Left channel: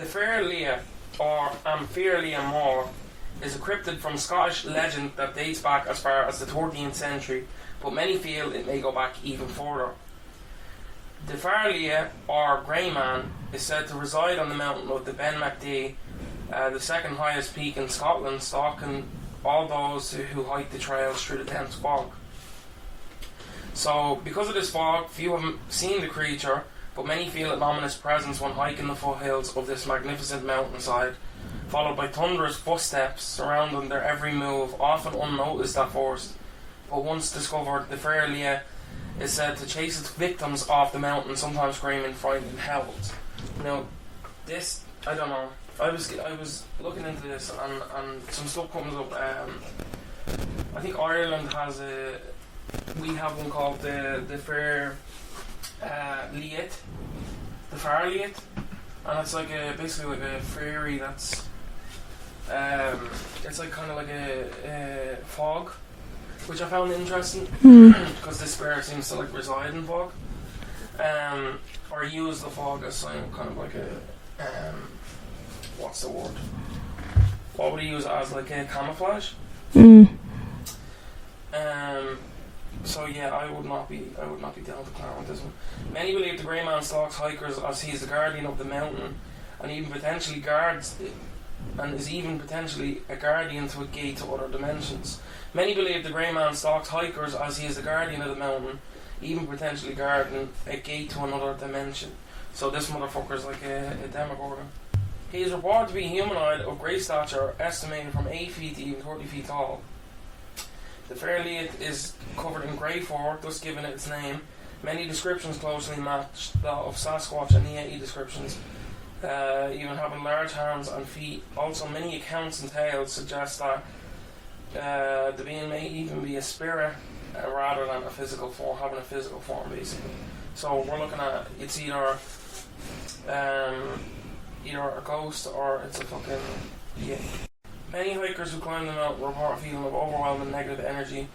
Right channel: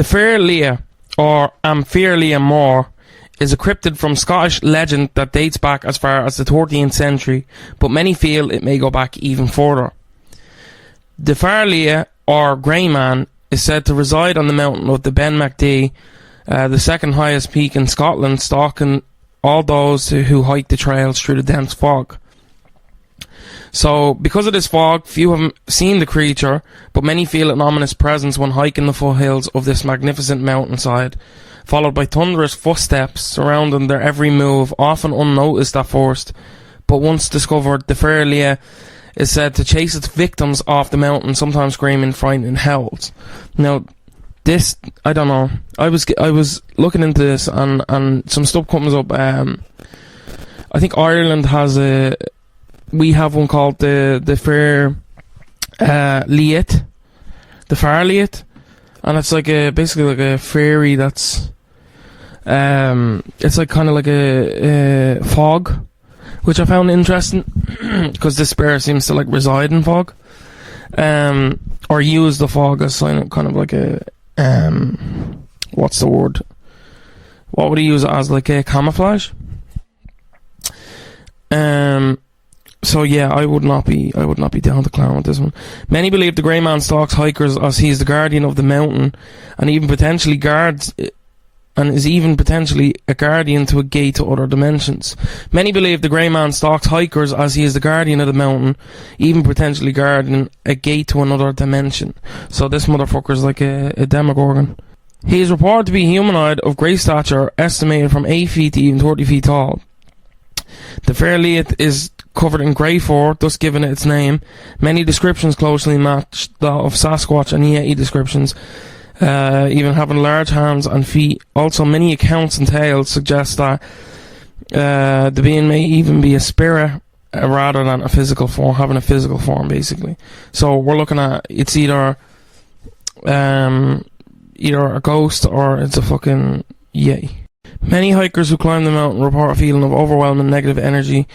The Fear Liath, or Fear Liath, is a cryptid from Scottish legend that dates back as far as the 13th century, but many feel it may go back even further. The Fear Liath, or Grey Man, is said to reside on the mountain of the Ben Mcdui, the second highest peak in Scotland, stalking all those who hike the trails through the dense fog. So, because of this fog, few have seen the creature, but many feel an ominous presence when hiking the foothills of this magnificent mountainside, followed by thunderous footsteps surrounding their every move, often unnoticed at first, but once discovered, the Fear Liath is said to chase its victims off the mountain, sometimes screaming frightening howls. Now, this, I don't know, I was looking into this, and some stuff comes up. I think Ireland has we have one called the Fear Liath, the Fear Liath, and it's like basically like a fairy that's it's like kind of like a fog, which I found interesting because this spirit seems to like reside in fog, or use the fog as kind of like a what's the word? What would he use it as? Like a camouflage? So yeah, I would not be down to clown with this one. Many believe the Grey Man stalks hikers as he is the guardian of the mountain, and even potentially is even potentially a guardian to a gate to other dimensions. Many believe the Grey Man stalks hikers as he is the guardian of the mountain, even potentially guarding a gate to another dimension. So this motherfucker is like a demogorgon. He is reported to be humanoid of great stature, estimated from 8 feet to even 30 feet tall. The Fear Liath is covered in grey fur, thus giving it its name. Many descriptions closely match that of Sasquatch and Yeti descriptions, even having large hands and feet. Also, many accounts and tales suggest that the being may even be a spirit rather than a physical form, having a physical form, basically. So we're looking at it's either a ghost or it's a fucking Yeti. Many hikers who climb the mountain report a feeling of overwhelming negative energy,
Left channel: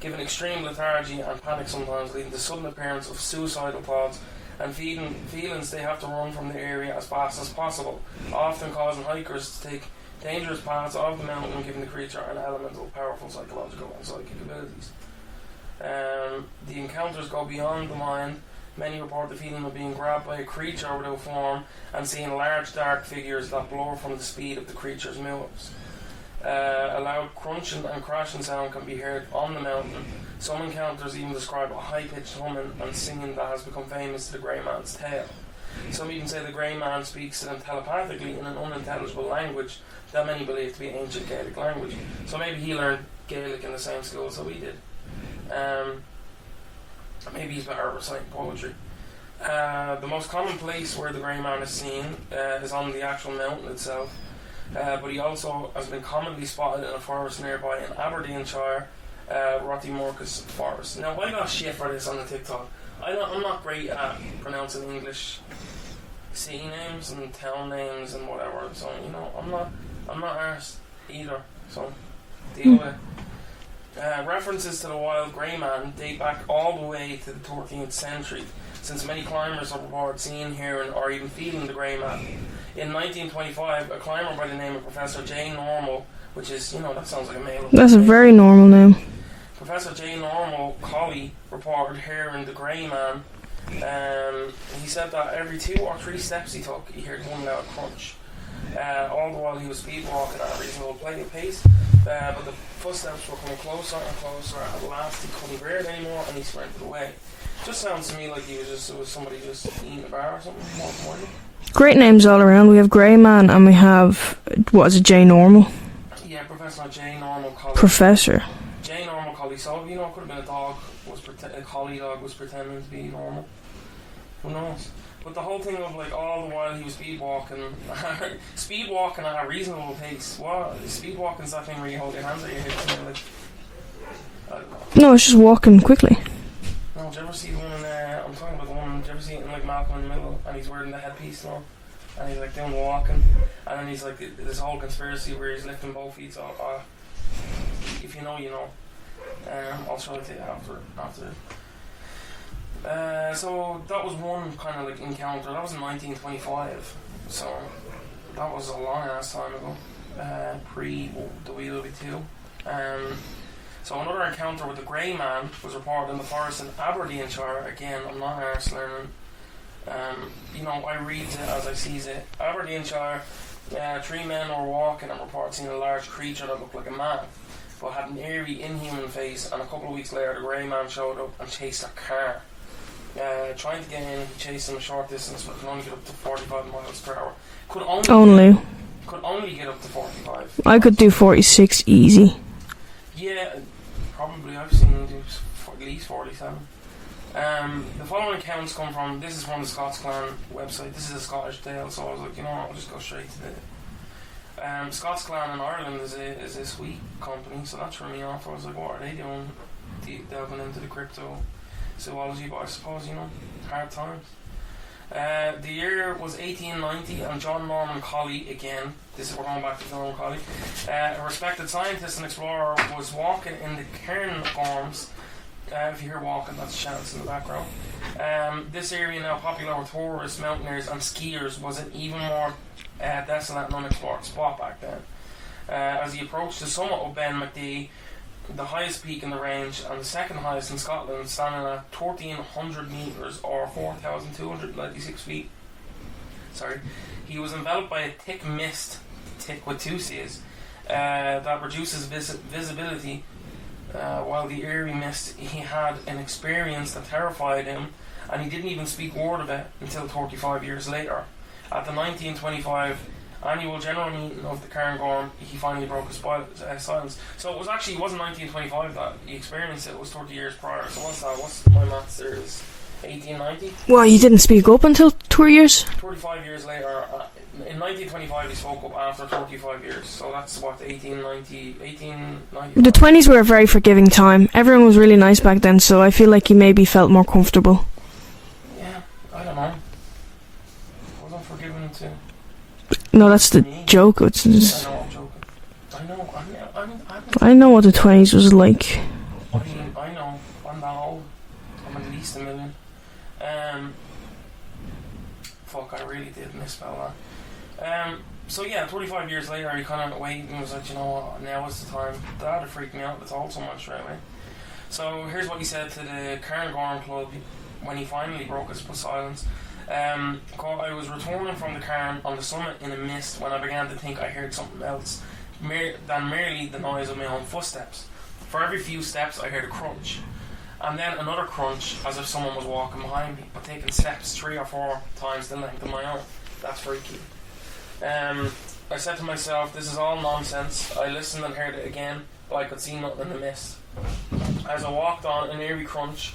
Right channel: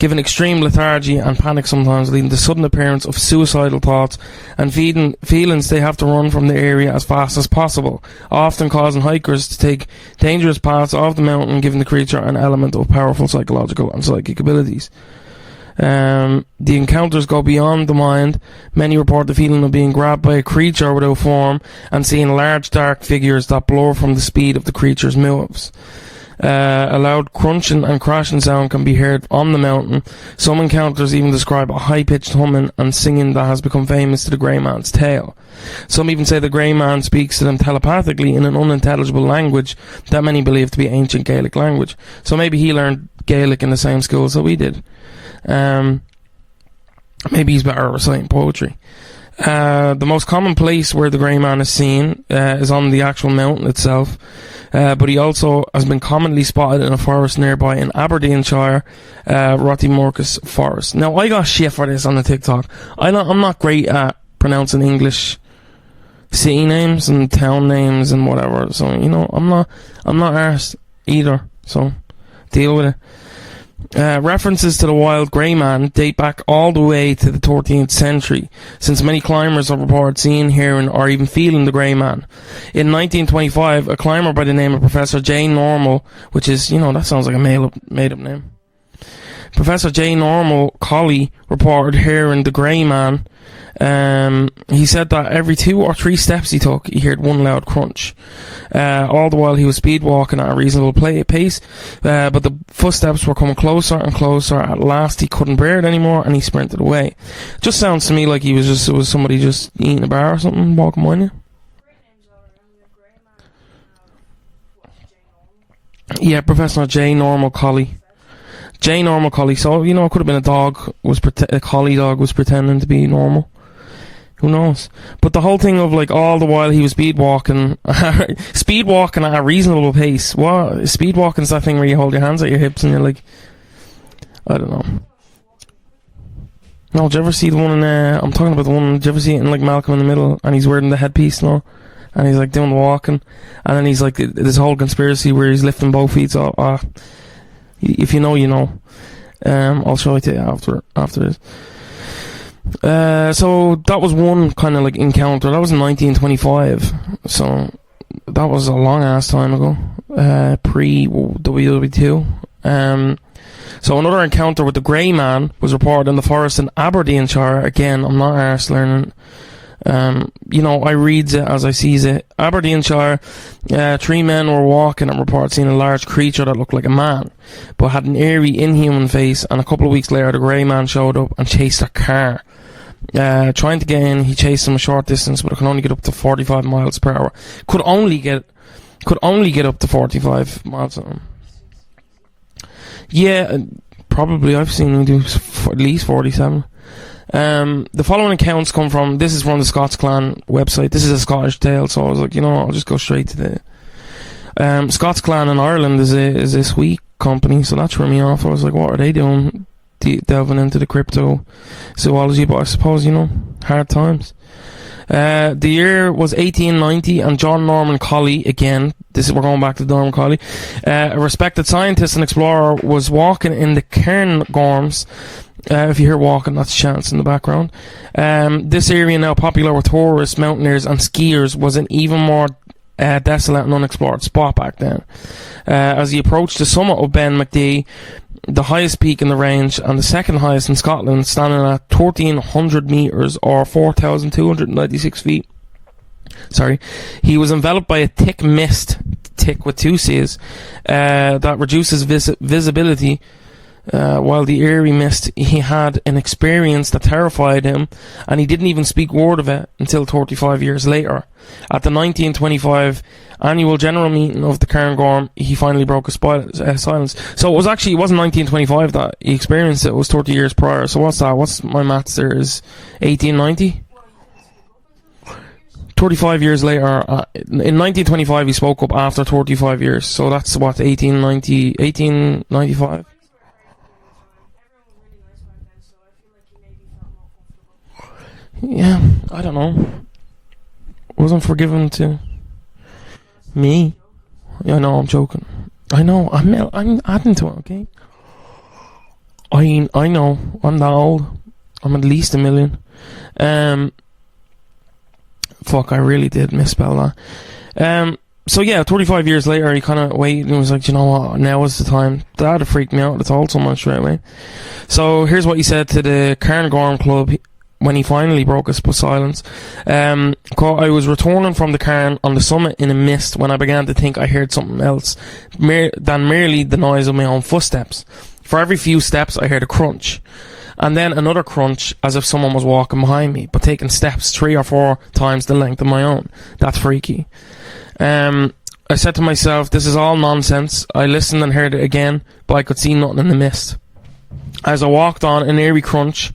given extreme lethargy and panic sometimes, leading to sudden appearance of suicidal thoughts and feelings they have to run from the area as fast as possible, often causing hikers to take dangerous paths off the mountain, giving the creature an element of powerful psychological and psychic abilities. The encounters go beyond the mind. Many report the feeling of being grabbed by a creature without form and seeing large dark figures that blur from the speed of the creature's moves. A loud crunching and crashing sound can be heard on the mountain. Some encounters even describe a high-pitched humming and singing that has become famous to the Grey Man's tale. Some even say the Grey Man speaks to them telepathically in an unintelligible language that many believe to be ancient Gaelic language. So maybe he learned Gaelic in the same schools that we did. Maybe he's better at reciting poetry. The most common place where the Grey Man is seen is on the actual mountain itself. But he also has been commonly spotted in a forest nearby in Aberdeenshire, Rottimorcus Forest. Now, I got shit for this on the TikTok. I'm not great at pronouncing English city names and town names and whatever. So, you know, I'm not arsed either. So, deal with it. References to the wild Grey Man date back all the way to the 13th century, since many climbers have reported seeing, hearing, or even feeling the Grey Man. In 1925, a climber by the name of Professor J. Normal, which is, you know, that sounds like a male. That's a very normal name. Professor J. Normal Colley reported hearing the Grey Man. He said that every 2 or 3 steps he took, he heard one loud crunch. All the while he was speed walking at a reasonable pace, but the footsteps were coming closer and closer. At last he couldn't bear it anymore and he sprinted away. Just sounds to me like it was somebody just eating a bar or something, walking behind you. Great names all around. We have Grey Man and we have, what is it, J. Normal? Yeah, Professor J. Normal Colley. Professor. J. Normal Colley. So, you know, it could have been a dog, a collie dog was pretending to be normal. Who knows? But the whole thing of, like, all the while he was speed walking at a reasonable pace. What? Speed walking's that thing where you hold your hands at your hips and you're like, I don't know. No, it's just walking quickly. No, did you ever see the one in, I'm talking about the one, did you ever see it in, like, Malcolm in the Middle, and he's wearing the headpiece, no? And he's, like, doing the walking, and then he's, like, this whole conspiracy where he's lifting both feet, so, if you know, you know. I'll show it to you after this. So, that was one kind of, like, encounter. That was in 1925, so, that was a long ass time ago, pre WW2. So another encounter with the Grey Man was reported in the forest in Aberdeenshire. Again, I'm not arse learning. I reads it as I sees it. Aberdeenshire, 3 men were walking and reported seeing a large creature that looked like a man, but had an eerie, inhuman face. And a couple of weeks later, the Grey Man showed up and chased their car. Trying to get in, he chased them a short distance, but it could only get up to 45 miles per hour. Could only get up to 45. I could do 46 easy. Yeah, probably. I've seen him do at least 47. The following accounts come from, this is from the Scots Clan website. This is a Scottish tale, so I was like, I'll just go straight to the Scots Clan in Ireland is a sweet company, so that threw me off. I was like, what are they doing delving into the crypto zoology? But I suppose, hard times. The year was 1890, and John Norman Colley, again, we're going back to Norman Colley, a respected scientist and explorer, was walking in the Cairngorms. If you hear walking, that's chants in the background. This area, now popular with tourists, mountaineers and skiers, was an even more desolate and unexplored spot back then. As he approached the summit of Ben Mcdui, the highest peak in the range and the second highest in Scotland, standing at 1,300 metres or 4,296 feet. He was enveloped by a thick mist, thick with 2 C's, that reduces visibility. While the eerie mist, he had an experience that terrified him, and he didn't even speak word of it until 35 years later. At the 1925 annual general meeting of the Cairngorm, he finally broke his silence. So it wasn't 1925 that he experienced it. It was 30 years prior. So what's that? What's my maths there? Is 1890? Well, he didn't speak up until 2 years? 35 years later. In 1925 he spoke up after 35 years. So that's what, 1895? The 20s were a very forgiving time. Everyone was really nice back then, so I feel like he maybe felt more comfortable. Yeah, I don't know. Wasn't forgiven to... No, that's the me. Joke. I know, I'm joking. I know, I'm adding to I know what the 20s was like. I know, I'm that old. I'm at least a million. Fuck, I really did misspell that. So yeah, 35 years later, he kind of waited and was like, you know what, now is the time. That'd have freaked me out. I told someone straight away. So here's what he said to the Cairngorm Club when he finally broke his silence. I was returning from the cairn on the summit in a mist when I began to think I heard something else than merely the noise of my own footsteps. For every few steps I heard a crunch, and then another crunch, as if someone was walking behind me, but taking steps 3 or 4 times the length of my own. That's freaky. I said to myself, this is all nonsense. I listened and heard it again, but I could see nothing in the mist. As I walked on, an eerie crunch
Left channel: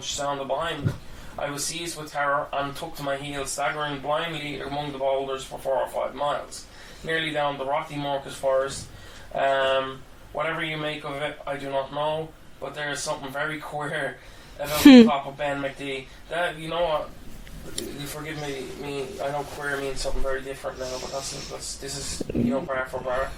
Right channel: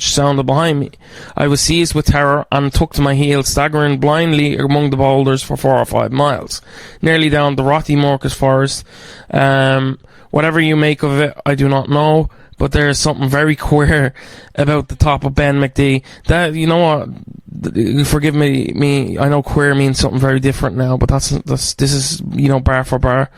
sounded behind me. I was seized with terror and took to my heels, staggering blindly among the boulders for 4 or 5 miles, nearly down the Rothy Morcus forest. Whatever you make of it, I do not know, but there is something very queer about the top of Ben Mcdui. That, you know what, forgive me, I know queer means something very different now, but this is, bar for bar.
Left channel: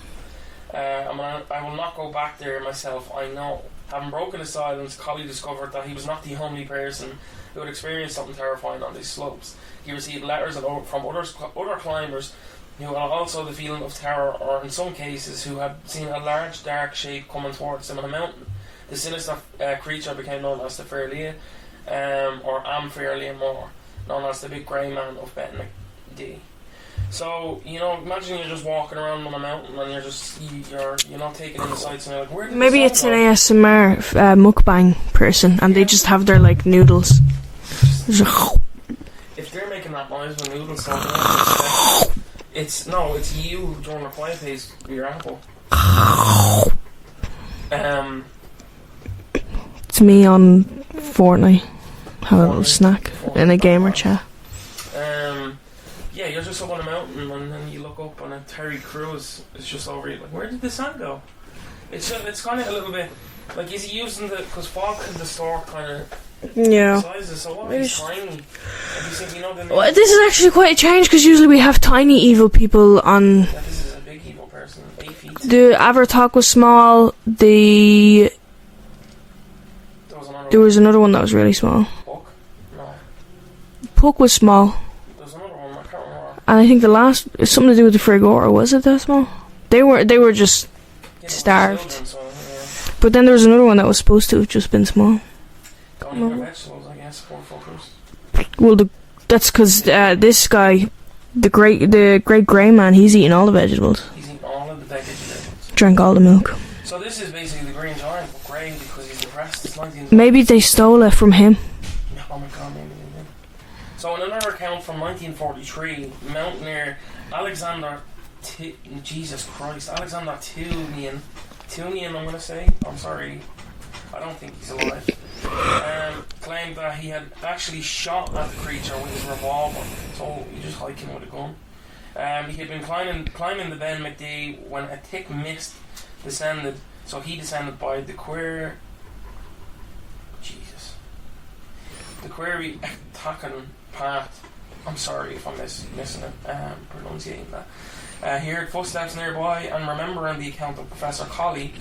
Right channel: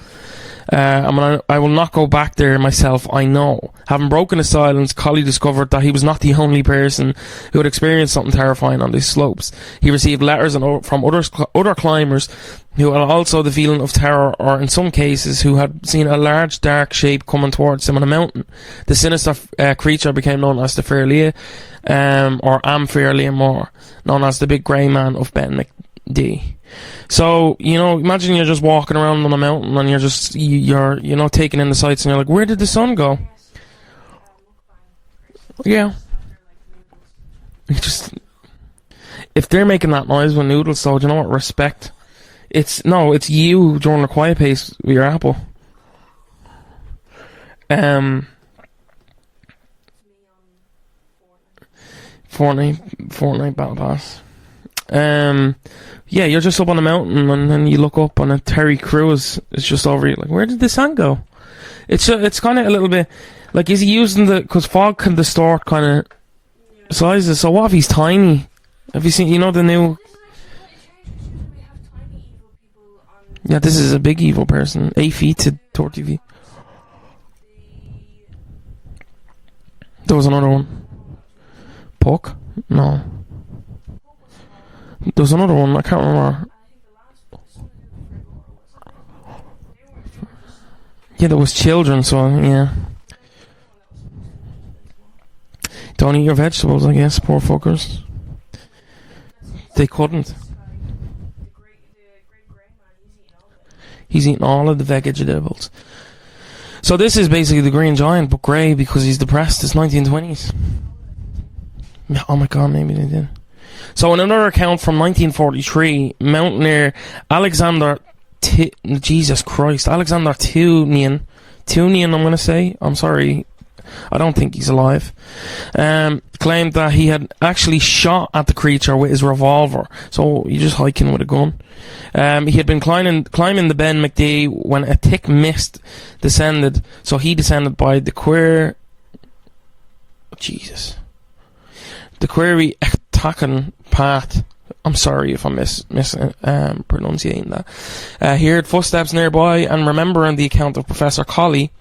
I will not go back there myself, I know. Having broken his silence, Colley discovered that he was not the only person who had experienced something terrifying on these slopes. He received letters from other climbers who had also the feeling of terror, or in some cases who had seen a large dark shape coming towards them on a mountain. The sinister creature became known as the Fear Liath, or Am Fear Liath more, known as the Big Grey Man of Ben Mcdui. So, imagine you're just walking around on a mountain and you're taking in the sights and you're like, where did the sun go? Maybe it's an ASMR mukbang person and they just have their, noodles. If they're making that noise with noodles, so do you know what? Respect. It's you during the quiet pace with your apple. It's me on Fortnite. Having a little snack in a gamer chat. Yeah, you're just up on a mountain and then you look up and a Terry Crews is just over you. Like, where did the sun go? It's kind of a little bit like, is he using because fog can distort kind of sizes? So what if he's tiny? Have you seen? The new? Well, this is actually quite a change because usually we have tiny evil people on. Yeah, this is a big evil person. 8 feet. The Abertalk was small. There was another one. There was another one that was really small. Puck? No. Puck was small. There was another one, I can't remember. And I think the last, something to do with the Frigora, was it that small? They were just Yeah, there was starved. children, so yeah. But then there was another one that was supposed to have just been small. Don't eat your vegetables, I guess, poor fuckers. Well, that's because this guy, the great grey man, he's eating all the vegetables. He's eating all of the vegetables. Drank all the milk. So this is basically the Green Giant, but grey because he's depressed. It's 1920s. Maybe they stole it from him. Oh my god, maybe they did. So in another account from 1943, mountaineer Alexander Tunian, I'm going to say, I'm sorry, I don't think he's alive, claimed that he had actually shot at the creature with his revolver. So you're just hiking with a gun. He had been climbing the Ben Mcdui when a thick mist descended, so he descended by the query attacking path. I'm sorry if I'm mispronouncing that. He heard footsteps nearby, and remembering the account of Professor Colley,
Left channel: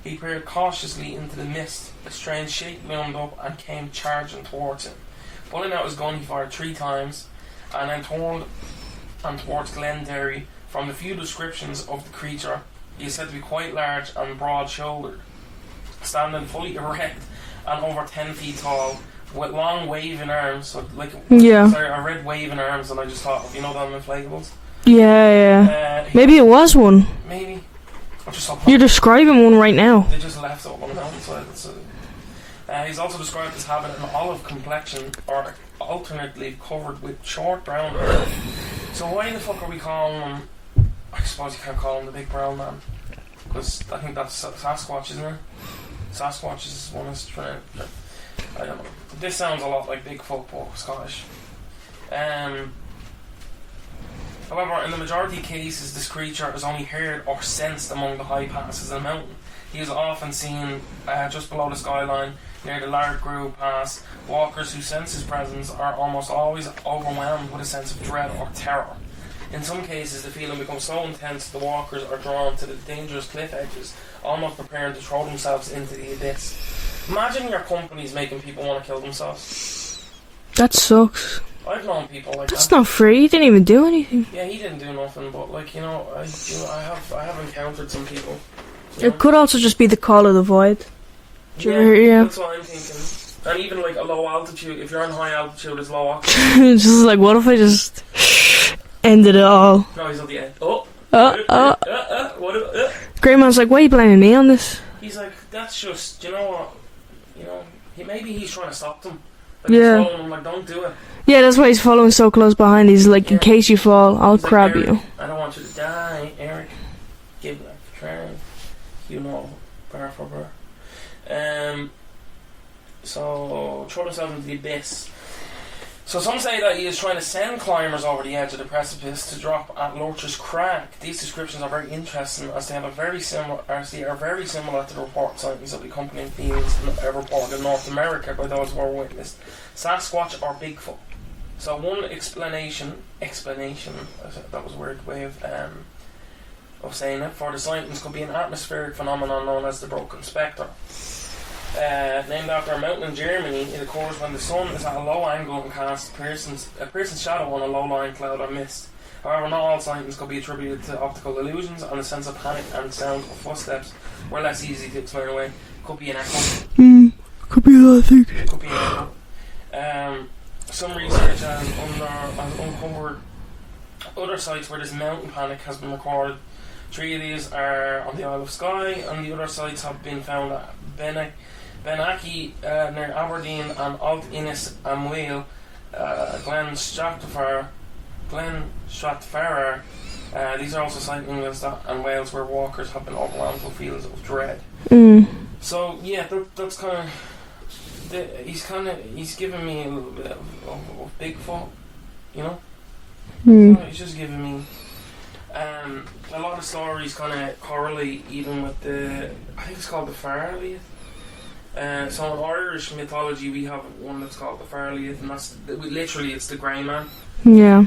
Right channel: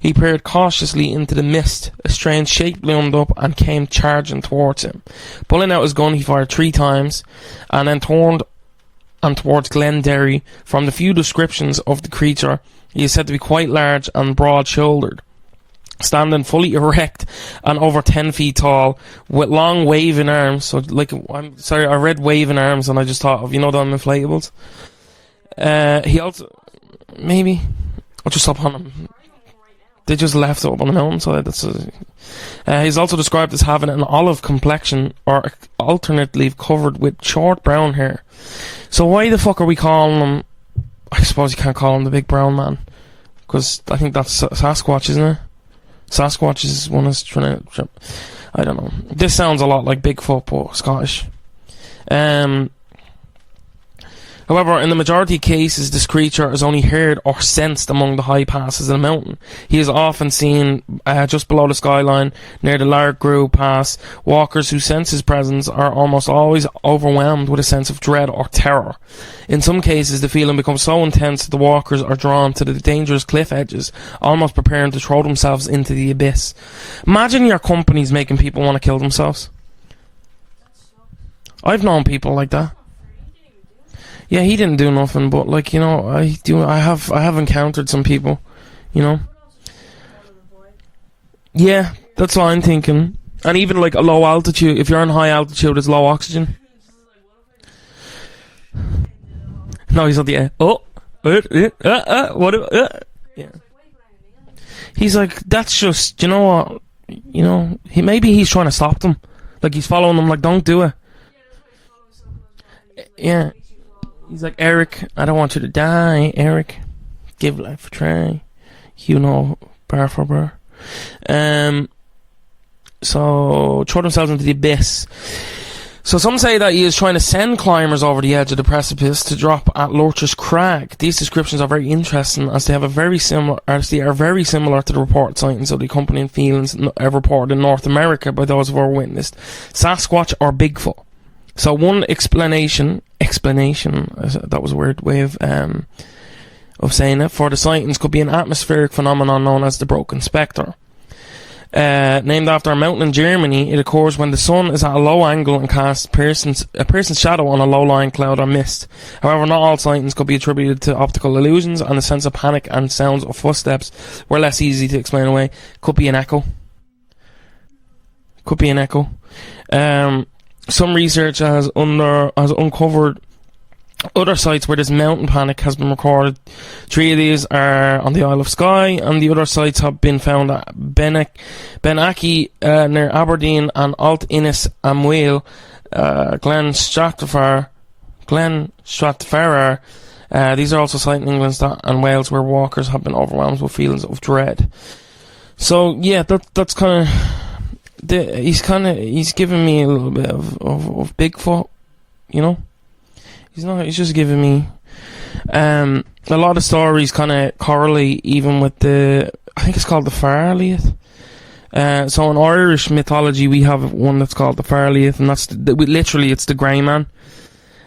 he peered cautiously into the mist. A strange shape loomed up and came charging towards him. Pulling out his gun, he fired 3 times, and then turned towards Glenderry. From the few descriptions of the creature, he is said to be quite large and broad-shouldered, standing fully erect and over 10 feet tall, with long waving arms. So sorry, I read waving arms and I just thought of, you know, them inflatables. Yeah. Maybe it was one. Maybe. I'll just stop. You're describing one right now. They just left it up on the mountainside. He's also described as having an olive complexion, or alternately covered with short brown hair. So why the fuck are we calling him? I suppose you can't call him the big brown man, because I think that's Sasquatch, isn't it? Sasquatch is one that's trying to... I don't know. This sounds a lot like Bigfoot, but Scottish. However, in the majority of cases, this creature is only heard or sensed among the high passes of the mountain. He is often seen just below the skyline, near the Largrew Pass. Walkers who sense his presence are almost always overwhelmed with a sense of dread or terror. In some cases, the feeling becomes so intense that the walkers are drawn to the dangerous cliff edges, almost preparing to throw themselves into the abyss. Imagine your company's making people want to kill themselves. That sucks. I've known people like that. That's not free. He didn't even do anything. Yeah, he didn't do nothing, but like, you know, I have encountered some people, you know. It could also just be the call of the void. Yeah, that's what I'm thinking. And even like a low altitude, if you're on high altitude, it's low oxygen. It's just like, what if I just ended it all? No, he's at the end. What? Grey Man's like, why are you blaming me on this? He's like, that's just, you know what? You know, maybe he's trying to stop them. Like, he's following them, like, don't do it. Yeah, that's why he's following so close behind. He's like, in case you fall, I'll grab Eric, you. I don't want you to die, Eric. Give life a try. You know, bar for bar. So, throw themselves into the abyss. So some say that he is trying to send climbers over the edge of the precipice to drop at Lurch's Crag. These descriptions are very interesting, as they are very similar to the reported sightings of the accompanying feelings reported in North America by those who were witnessed Sasquatch or Bigfoot. So one explanation, that was a weird way of saying it, for the sightings could be an atmospheric phenomenon known as the Broken Spectre. Named after a mountain in Germany, it occurs when the sun is at a low angle and casts a person's shadow on a low-lying cloud or mist. However, not all sightings could be attributed to optical illusions, and the sense of panic and sounds of footsteps were less easy to explain away. Could be an echo. Could be that, I think. Could be an echo. Some research has uncovered other sites where this mountain panic has been recorded. 3 of these are on the Isle of Skye, and the other sites have been found at Benaki near Aberdeen, and Alt Innis Amweel, Glen Stratfarer. These are also sites in England and Wales where walkers have been overwhelmed with feelings of dread. So yeah, that's kind of... He's giving me a little bit of Bigfoot, you know. He's just giving me a lot of stories kind of correlate even with I think it's called the Fear Liath. So in Irish mythology we have one that's called the Fear Liath, and that's literally it's the grey man. Yeah.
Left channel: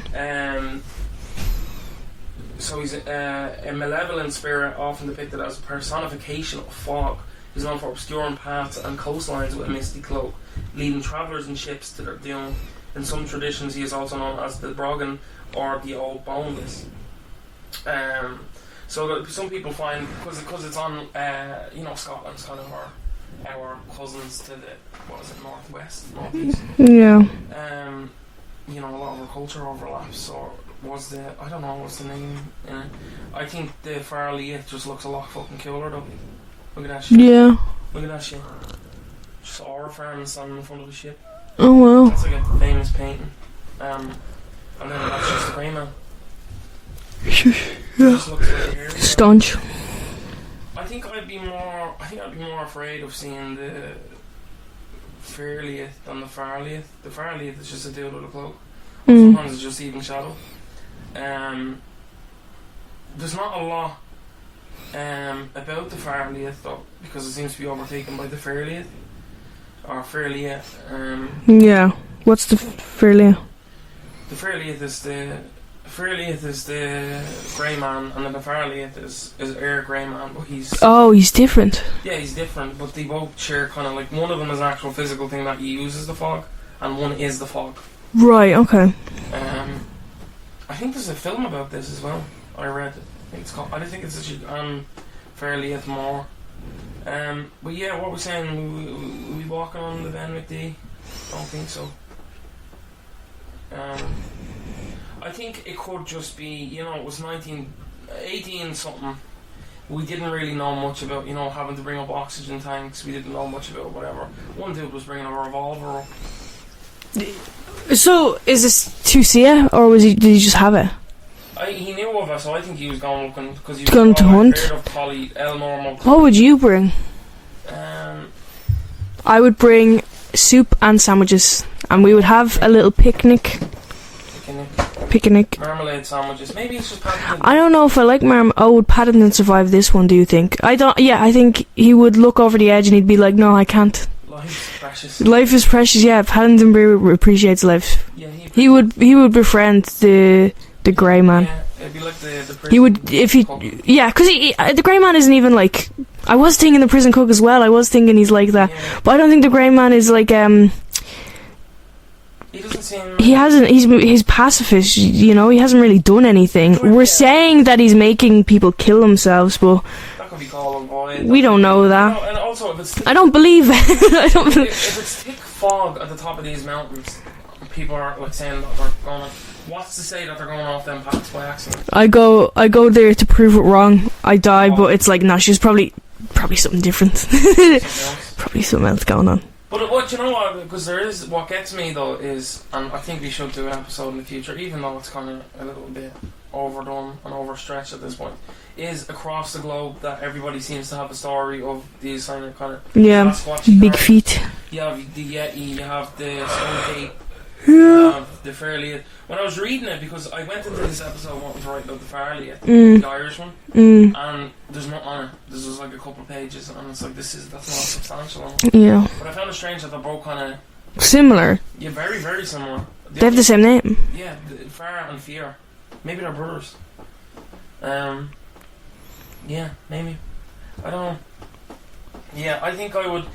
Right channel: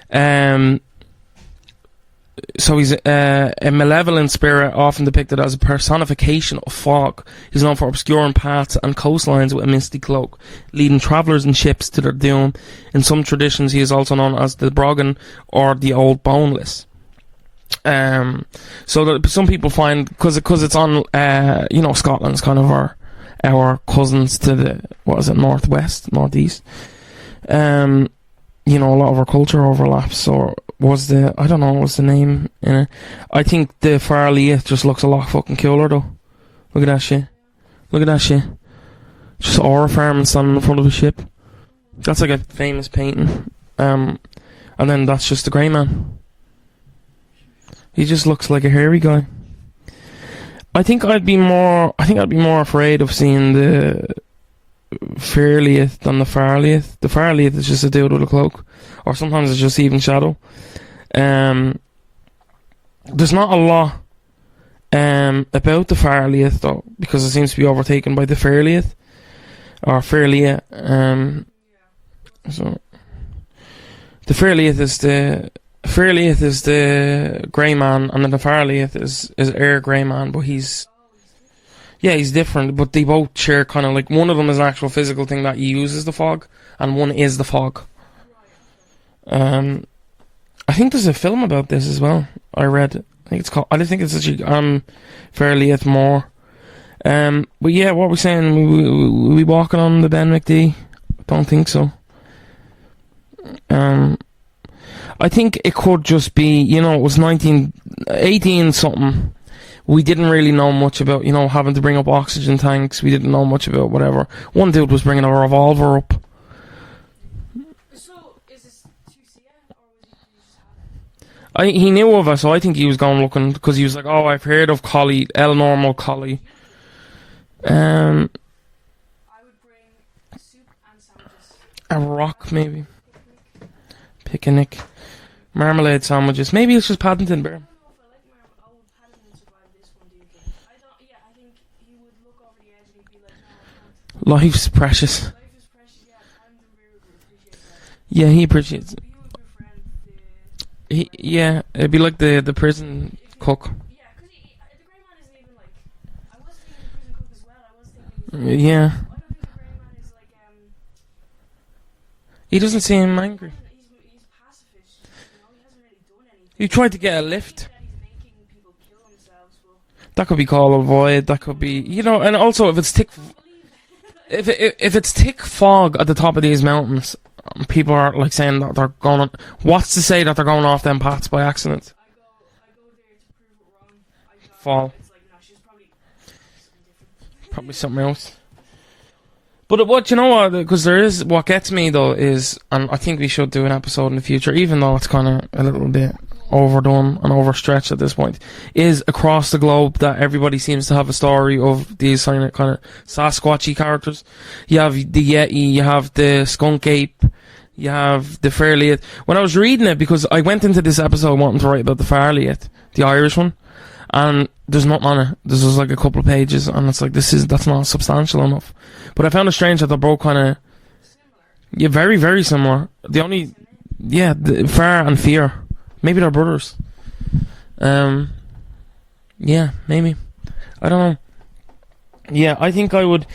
So he's a malevolent spirit, often depicted as a personification of fog. He's known for obscuring paths and coastlines with a misty cloak, leading travellers and ships to their doom. In some traditions, he is also known as the Brogan or the Old Boneless. So that some people find, because it's on, Scotland's kind of our cousins to the, northeast. Yeah. A lot of our culture overlaps. So what's the name in it? I think the Fear Liath just looks a lot fucking cooler though. Look at that shit. Yeah. Look at that shit. Just Aura farming standing in front of a ship. Oh wow. That's like a famous painting. And then that's just the Grey Man. He just looks like a hairy guy. Staunch. I think I'd be more afraid of seeing the Fear Liath than the Fear Liath. The Fear Liath is just a dude with a cloak. Or sometimes it's just even shadow. There's not a lot about the Fear Liath though, because it seems to be overtaken by the Fear Liath. Or Fear Liath. Yeah. What's the Fear Liath? The Fear Liath is the Grey Man, and then the Fear Liath is Air Grey Man, but he's... Oh, he's different. Yeah, he's different, but they both share kind of like... One of them is an actual physical thing that uses the fog, and one is the fog. Right, okay. I think there's a film about this as well, I read. I think it's called... I don't think it's actually on Fear Liath more. But yeah, what we're saying, we walking on the Ben Mcdui? Don't think so. I think it could just be, it was 18 something. We didn't really know much about, having to bring up oxygen tanks. We didn't know much about whatever. One dude was bringing a revolver up. So, is this to see it, or did he just have it? He knew of it, so I think he was going looking, because he was going to I've hunt? heard of collie, normal collie. What would you bring? I would bring soup and sandwiches, and we would have a little picnic. Picnic. Marmalade sandwiches. Maybe it's just Paddington. I don't know if I like Oh, would Paddington survive this one, do you think? I think he would look over the edge and he'd be like, no, I can't. Life's precious. Life is precious, yeah. Paddington appreciates life. Yeah, he would befriend the Grey Man. Yeah, it'd be like the prison He would, if he... cook. Yeah, because the Grey Man isn't even like... I was thinking the prison cook as well. I was thinking he's like that. Yeah. But I don't think the Grey Man is like... He doesn't seem... He hasn't... He's pacifist, He hasn't really done anything. We're saying that he's making people kill themselves, but... That could be called a void. We don't know that. And also, if it's thick... I don't believe it. If it's thick fog at the top of these mountains, people are like saying that they're going... What's to say that they're going off them paths by accident? I go there to prove it wrong. I die, but it's like, she's probably something different. Something else. Probably something else going on. But because there is, what gets me though is, and I think we should do an episode in the future, even though it's kind of a little bit overdone and overstretched at this point, is across the globe that everybody seems to have a story of these kind of Sasquatchy characters. Big feet. You have the Yeti, you have the skunk ape, you have the Fear Liath. When I was reading it, because I went into this episode wanting to write about the Fear Liath, the Irish one, and there's nothing on it. There's just like a couple of pages, and it's like, that's not substantial enough. Yeah. But I found it strange that they're both kind of similar. Yeah, very, very similar. They have the same name. Yeah, Fear and Fear. Maybe they're brothers. Yeah, maybe. I don't know. Yeah, I think I would.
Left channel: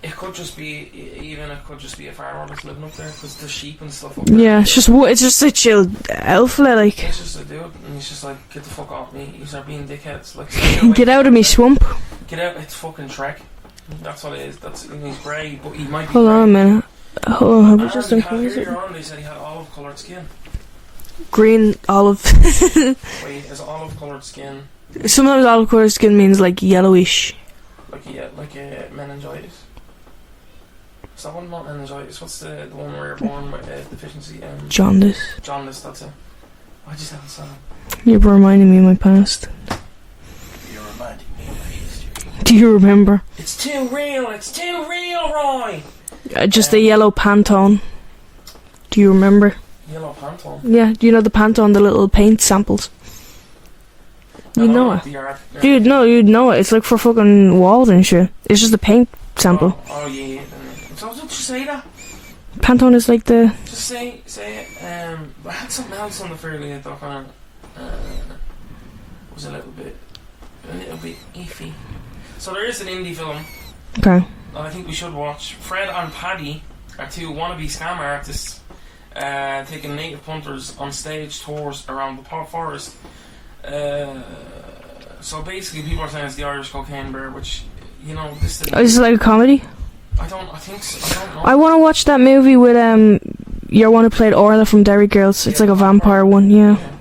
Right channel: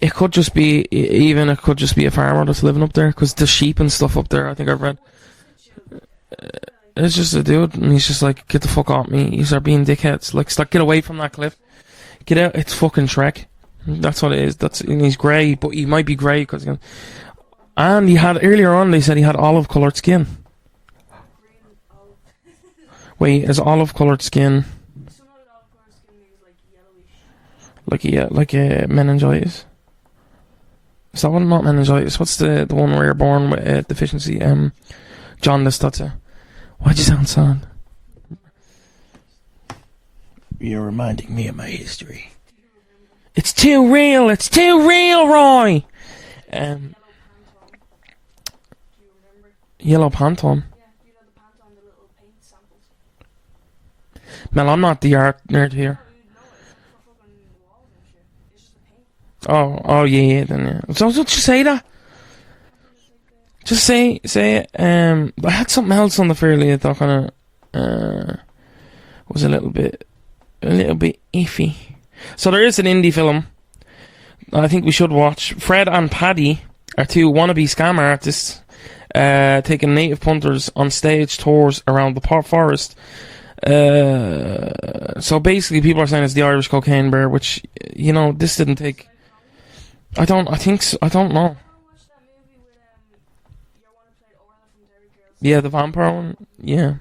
It could just be a farmer that's living up there, because the sheep and stuff up there. Yeah, it's just a chill elf, like. It's just a dude, and he's just like, get the fuck off me. You start being dickheads. Like, get away. Get out of me swamp. Get out. It's fucking Shrek. That's what it is. And he's grey, but he might be Hold grey. On a minute. And he had earlier on. They said he had olive coloured skin. Green olive. Wait, is olive coloured skin? Sometimes olive coloured skin means like yellowish. Like a meningitis. Is that one not meningitis? What's the one where you're born with a deficiency? Jaundice. Jaundice, that's it. Why'd you sound sad? You're reminding me of my past. You're reminding me of my history. Do you remember? It's too real, Roy! Just the yellow Pantone. Do you remember? Yellow Pantone? Yeah, do you know the Pantone, the little paint samples? No, I'm not the art. Dude, no, you'd know it. It's like for fucking walls and shit. It's just a paint sample. Oh yeah, then yeah. So don't you say that? Pantone is like the... Just say it. I had something else on the Fear Liath that kind of was a little bit iffy. So there is an indie film. Okay. I think we should watch. Fred and Paddy are two wannabe scam artists taking native punters on stage tours around the forest. So basically, people are saying it's the Irish Cocaine Bear, which, you know, this didn't. Is it like a comedy? I think so. I don't know. I want to watch that movie with your one who played Orla from Derry Girls. It's like a vampire one. Yeah.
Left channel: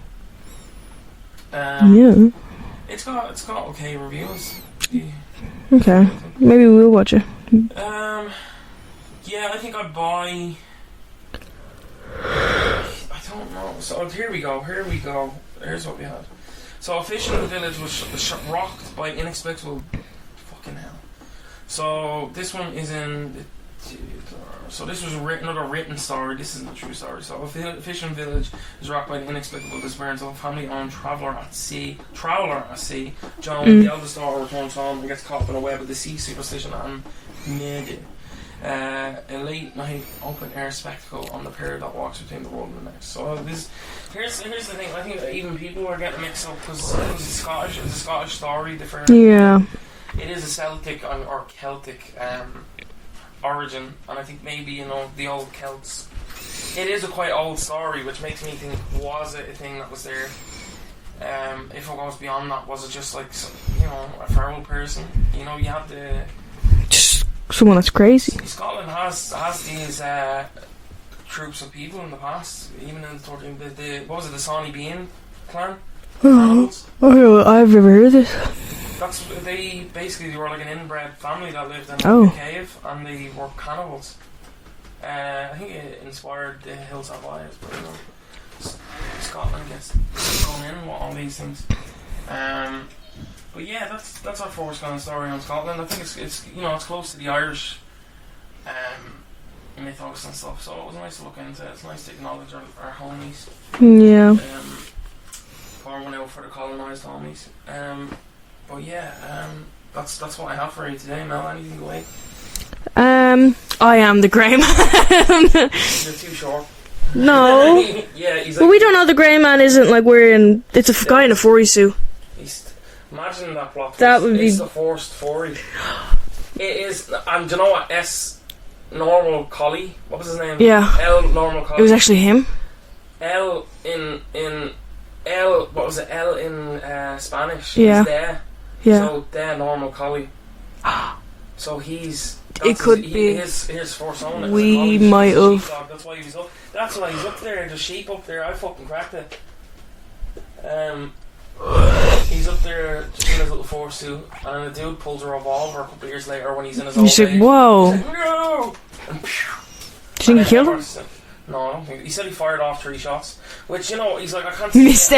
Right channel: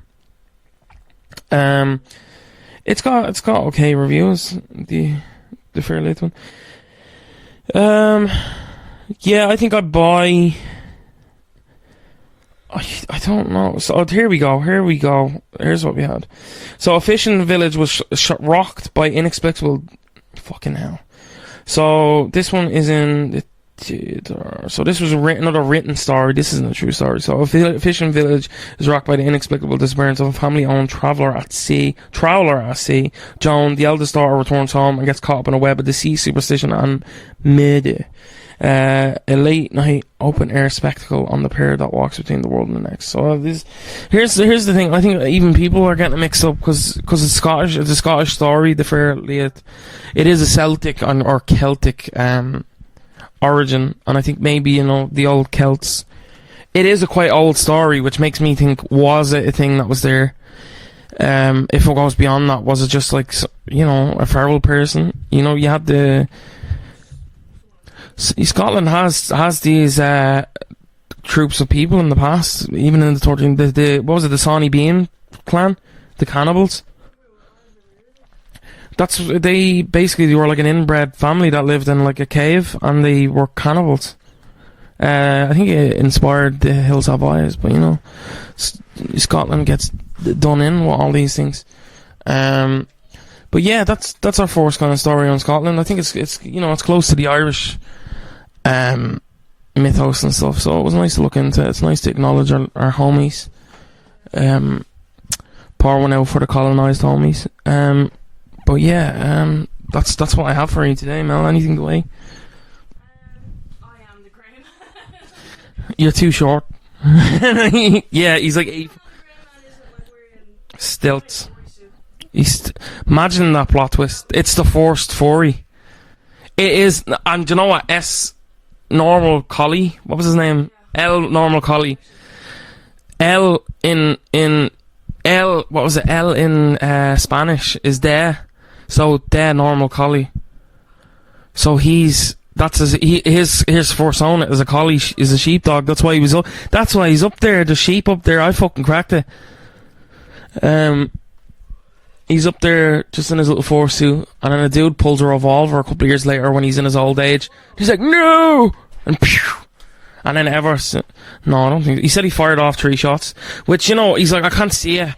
Yeah. It's got okay reviews. Okay. Maybe we'll watch it. Yeah, I think I'd buy. I don't know. So here we go. Here's what we had. So a fishing village was rocked by inexplicable. Fucking hell. So this one is in the theater. So this was another written story. This isn't a true story. So a fishing village is rocked by the inexplicable disappearance of a family-owned trawler at sea. Joan, the eldest daughter, returns home and gets caught up in a web of deceit, superstition, and murder. A late night open air spectacle on the pair that walks between the world and the next. So here's the thing. I think even people are getting mixed up because it's Scottish. It's a Scottish story. The Fear Liath. It is a Celtic or Celtic origin, and I think maybe, you know, the old Celts. It is a quite old story, which makes me think, was it a thing that was there? If it goes beyond that, was it just like, you know, a feral person? You know, you had just someone that's crazy. Scotland has these troops of people in the past, even in the 13th. The what was it? The Sawney Bean clan, the cannibals. Oh, I've never heard of this. They were like an inbred family that lived in like a cave, and they were cannibals. I think it inspired the Hills Have Eyes, but you know, Scotland gets done in with all these things. But yeah, that's our first kind of story on Scotland. I think it's you know, it's close to the Irish mythos and stuff, so it was nice to look into. It's nice to acknowledge our homies. Yeah. Pour one out for the colonised homies. But yeah, that's what I have for you today, Mel. Anything to weigh? I am the grey man. You're too short. No. Yeah, he's like. But we don't know the grey man isn't like wearing. It's a guy in a furry suit. Imagine that plot twist. It's the forced furry. It is, and do you know what? Normal Collie. What was his name? Yeah. L Normal Collie. It was actually him. L in L. What was it? L in Spanish is there. Yeah. So there Normal Collie. So his persona is a collie. He's a sheepdog. That's why he was up. That's why he's up there. The sheep up there. I fucking cracked it. He's up there just in his little fursuit, and then a dude pulls a revolver a couple of years later when he's in his old age. Whoa. He's like, no, and pew. And then no, I don't think. He said he fired off 3 shots, which, you know, he's like, I can't see it.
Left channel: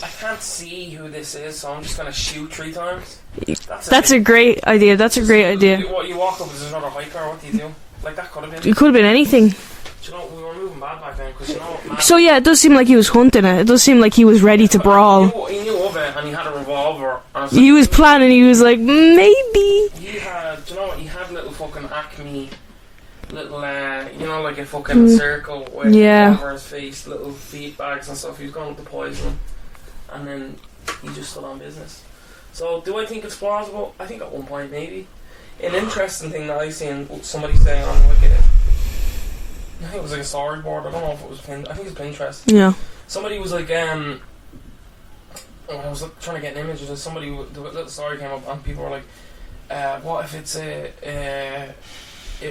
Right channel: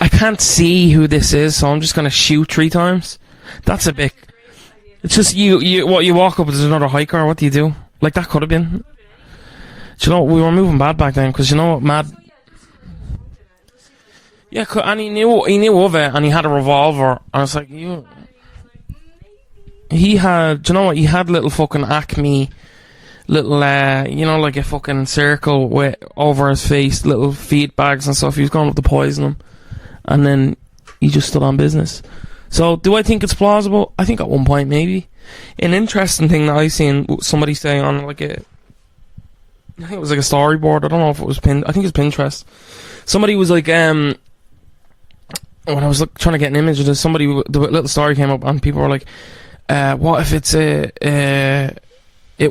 I can't see who this is, so I'm just gonna shoot 3 times. That's a great idea. That's a great idea. You walk up, there's another hiker. What do you do? Like, that could have been. It could have been anything. Do you know, we were moving bad back then, because, you know, mad. So yeah, it does seem like he was hunting it. It does seem like he was ready to brawl. He knew of it, and he had a revolver. Like, he was planning. He was like, maybe. He had. Do you know what? He had little fucking Acme, little you know, like a fucking circle with over his face, little feet bags and stuff. He was going up to poison him, and then he just stood on business. So, do I think it's plausible? I think at one point maybe. An interesting thing that I seen somebody saying on like I think it was like a storyboard. I don't know if it was I think it's Pinterest. Yeah. Somebody was like, when I was trying to get an image of this, the little story came up, and people were like, "What if it's it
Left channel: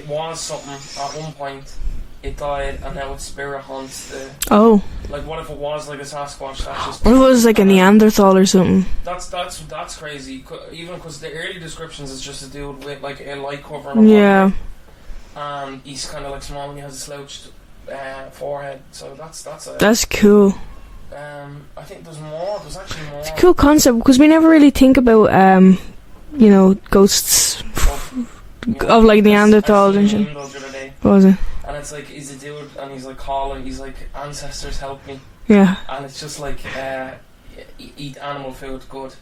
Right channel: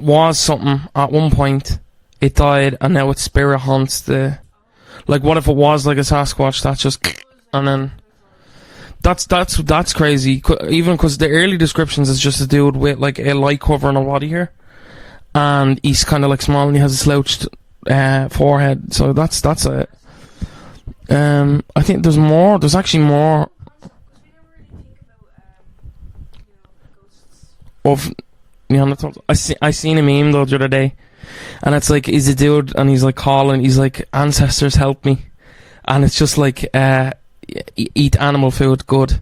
was something at one point, it died, and now its spirit haunts the." Oh. Like, what if it was like a Sasquatch that just? What if it was like a Neanderthal or something? That's crazy. Even because the early descriptions is just a dude with like a light cover and a body hair. And he's kind of like small, and he has a slouched forehead. So that's cool. I think there's more. There's actually more. It's a cool concept, because we never really think about you know, ghosts of like Neanderthals. I seen a meme though the other day. What was it? And it's like, he's a dude, and he's like calling. He's like, "Ancestors, help me." Yeah. And it's just like, eat animal food, good.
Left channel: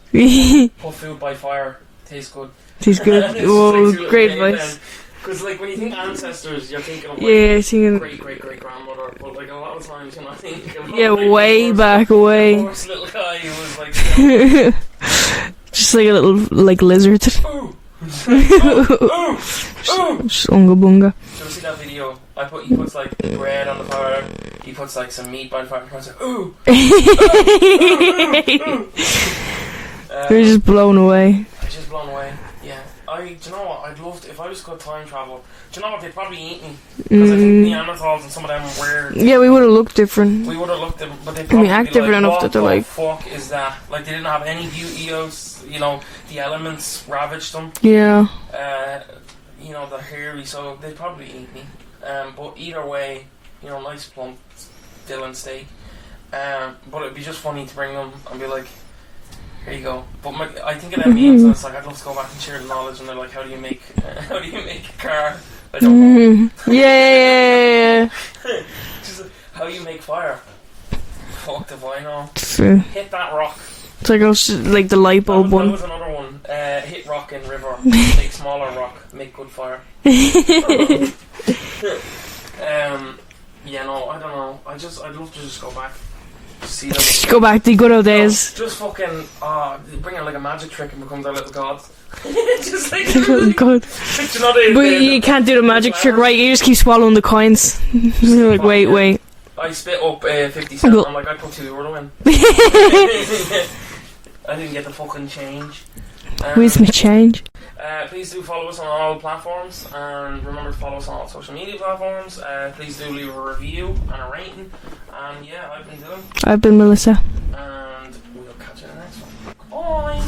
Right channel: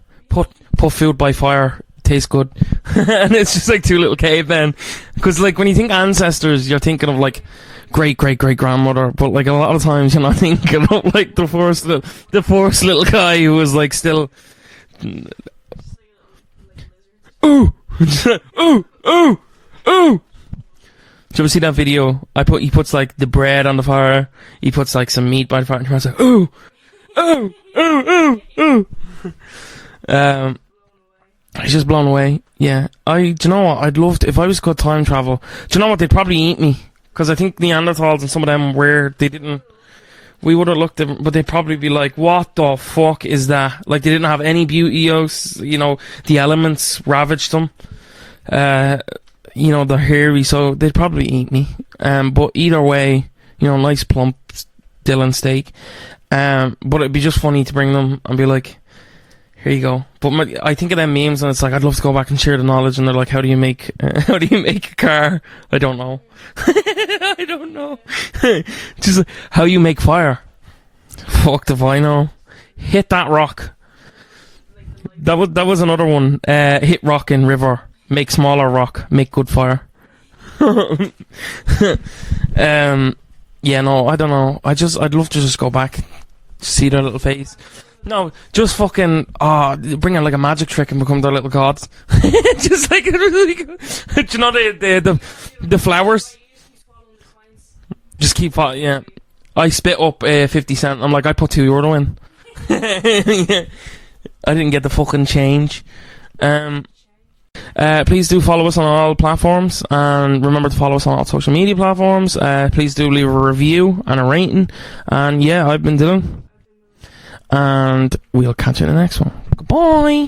Put food by fire, tastes good. And it's just like 2 little cavemen. Because like when you think ancestors, you're thinking of like great grandmother, but like a lot of times you're not thinking of like the first little guy who was like still just like a little like lizard. Oh, Ooh, ooh. Just unga bunga. Did you ever see that video? He puts like the bread on the fire. He puts like some meat by the fire, and he's like, ooh, ooh. He's just blown away. He's just blown away. Yeah. Do you know what? I'd love to, if I was good time travel. Do you know what? They'd probably eat me, because I think Neanderthals and some of them were. Yeah, we would have looked different. We would have looked different, but they'd probably be like, "What the fuck is that?" Like they didn't have any beauty. You know, the elements ravaged them. Yeah. You know, they're hairy, so they'd probably eat me. But either way, you know, nice plump Dylan steak. But it'd be just funny to bring them and be like, here you go. But I think of them memes, and it's like, I'd love to go back and share the knowledge. And they're like, how do you make a car? I don't know. Yeah. Just like, how you make fire? Fuck if I know. Hit that rock. It's like the light bulb. That was another one. Hit rock in river. Make smaller rock. Make good fire. Yeah, no, I don't know. I'd love to just go back. See the little go back to the good old days. Just fucking bring out like a magic trick and become their little gods. Just like God. you know, you can't do the magic trick, right? You just keep swallowing the coins. Just keep like, wait. I spit up 50 cent. I'm like, I put €2 in. I didn't get the fucking change. Where's my change? Please do follow us on all platforms, and remember to follow us on all social media platforms. Please do leave a review and a rating. And yeah, I've been Dylan. I've been Melissa. And we'll catch you in the next one. Goodbye.